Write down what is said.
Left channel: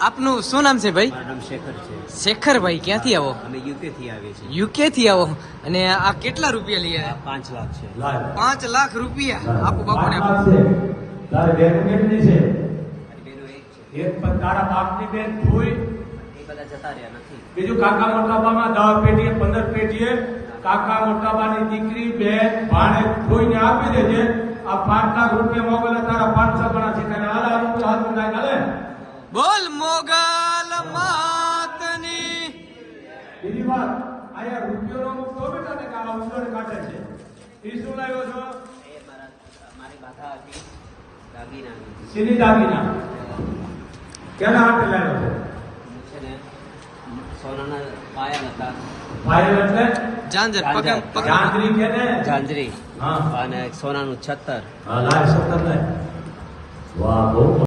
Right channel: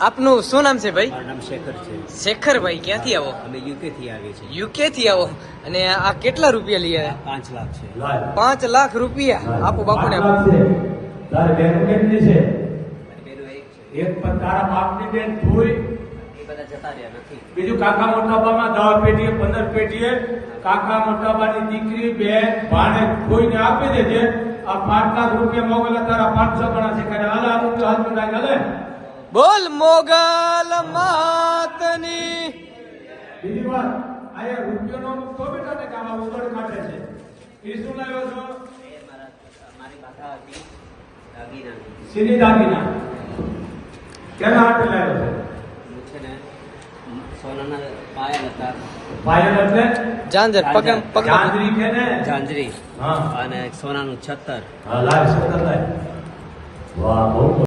આપનું શું નામ છે ભાઈ? મારું નામ શેખર છે. શેખરભાઈ, ક્યાંથી આવો? અમે યુકે થી આવીએ છીએ. યુકે થી આવો. અને આ કેટલા રૂપિયા લઈ આવ્યા? 5 લાખ છે. 5 લાખ રૂપિયા આપો બાપુને આપો. એક પણ તારા બાપની બેન ભૂઈ એ બધા જતા રહ્યા નથી. બીજું કાકા મોટાબામાં 10 પેટીએ 15 પેટીએ કાકા મોટાબાની દીકરી બેન ભાણે ભૂઈને આપી દેજે. આ 5 લાખ રૂપિયા મોગલ તારા 500 ગણા છે. હાલ આ રૂપિયા હાથ ના ગલે. બોલ મોગલ માતની. બીજી વાત, અહીંયા રૂપિયાનો અમુક તો બેટા ને કે આવા ઉલડ કાઢે છે. એ શું લાવ્યો છો? મારી માતા હતી દાગીના. સીધી દાગીના ક્યારે હાથે લાવ્યો છે? હું છે ને સોનાના પાયા હતા. પાયલ એટલે જાંજર પગમ પગમાં. ચાંદરી કે ને ઝાંઝરી હા અને સોનાનું છત્તર. હા લાશ કરે. વાહ બહુ